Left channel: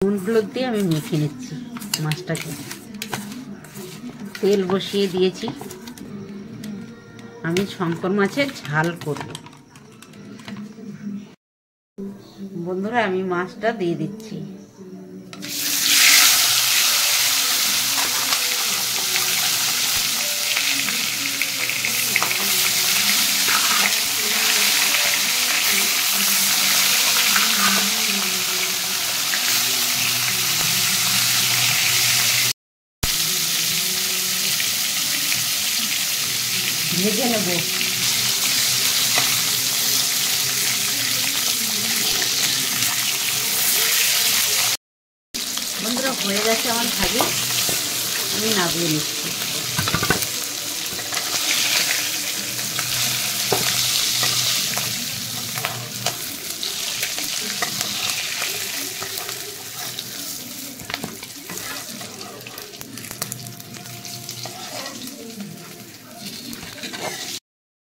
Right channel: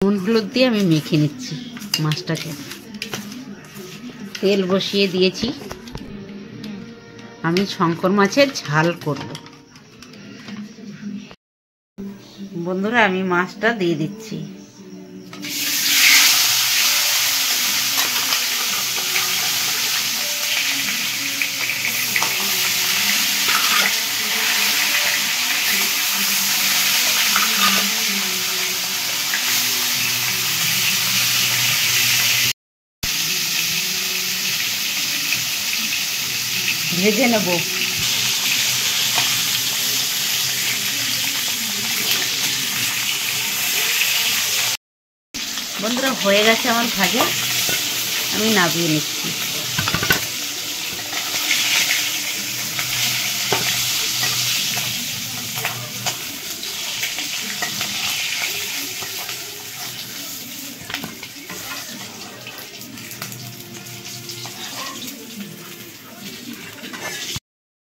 নুন হলুদ দিয়ে আমি মেখে নিচ্ছি মাছটাকে। তেল বসিয়ে দিয়েছি, আমি শঙ্কর মাছের ঝাল করব। বন্ধুরা আমি মাছটা দিয়ে দিচ্ছি। ভেজে নেব। বন্ধুরা হয়ে গেছে আমার ভাজা, আমি নামিয়ে নিচ্ছি।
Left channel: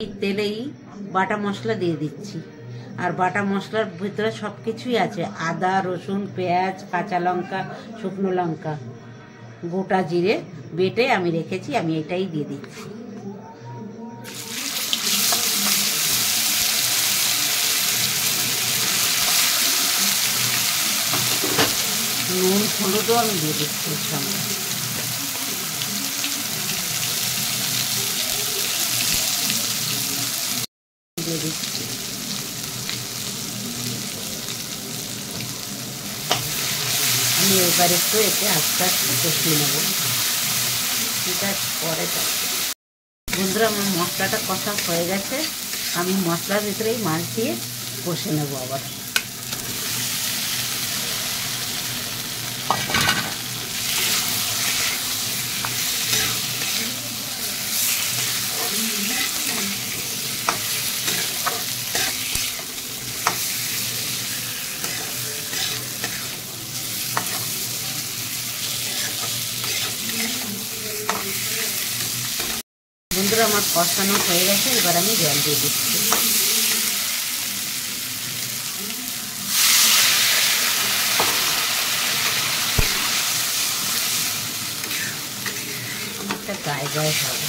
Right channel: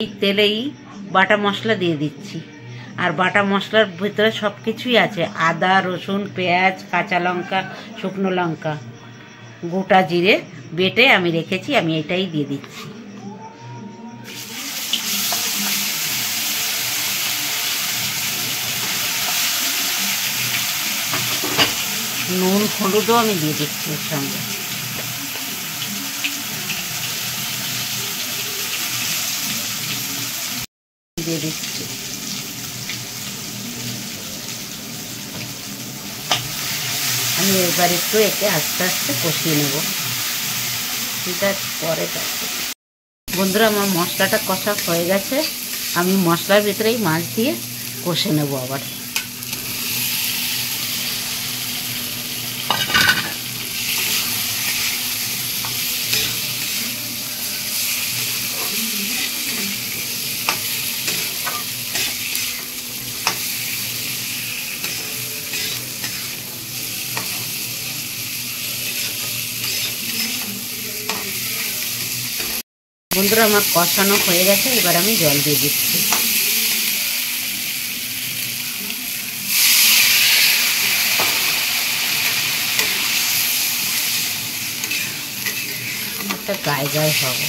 এই তেলেই বাটা মশলা দিয়ে দিচ্ছি, আর বাটা মশলার ভিতরে সব কিছুই আছে, আদা রসুন পেঁয়াজ কাঁচা লঙ্কা শুকনো লঙ্কা গোটা জিরে বেটে আমি রেখেছি, আমি এটাই দিয়ে দিচ্ছি। নুন হলুদও আমি দিয়ে দিচ্ছি এর সঙ্গে। দিয়ে দিচ্ছি আমি এবার একটু এতে আস্তে আস্তে কষিয়ে নেব। ঠিক আছে, পরে যাচ্ছে। বন্ধুরা আমার মশলাটা কষা হয়ে গেছে, আমি মশলার ভিতরেই মাছ দিয়ে কষে নেব আবার। বন্ধুরা আমার কষানো হয়ে গেছে, এবার আমি জল দিয়ে দিচ্ছি। একটা গায়ে গায়ে হবে।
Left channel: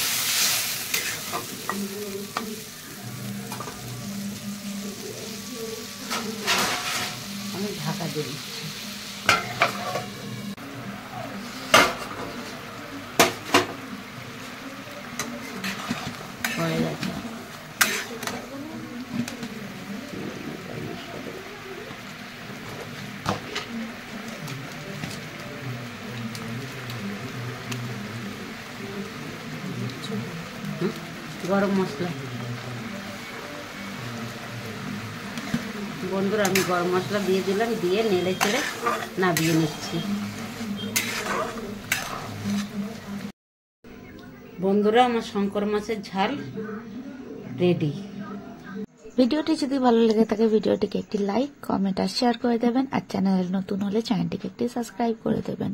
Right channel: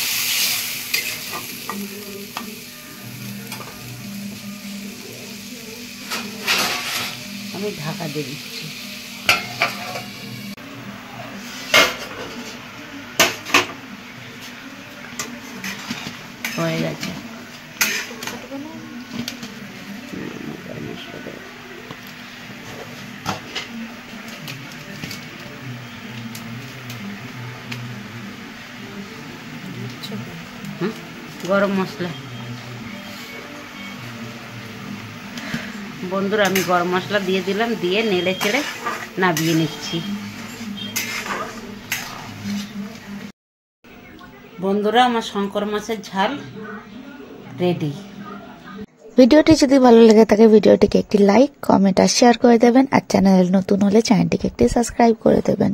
আমি ঢাকা দিয়ে দিচ্ছি। হয়ে গেছে। গরম মশলা। বন্ধুরা আমি গরম মশলা দিয়ে দিলাম, দিয়ে নেড়ে চেড়ে নামিয়ে নিচ্ছি। বন্ধুরা আমার শঙ্কর মাছের ঝাল রেডি। ভিডিওটি যদি ভালো লেগে থাকে ভিডিওটিকে একটি লাইক কমেন্ট আর শেয়ার করে দেবেন, আর চ্যানেল নতুন হলে চ্যানেলটিকে একটি সাবস্ক্রাইব করে দেবেন।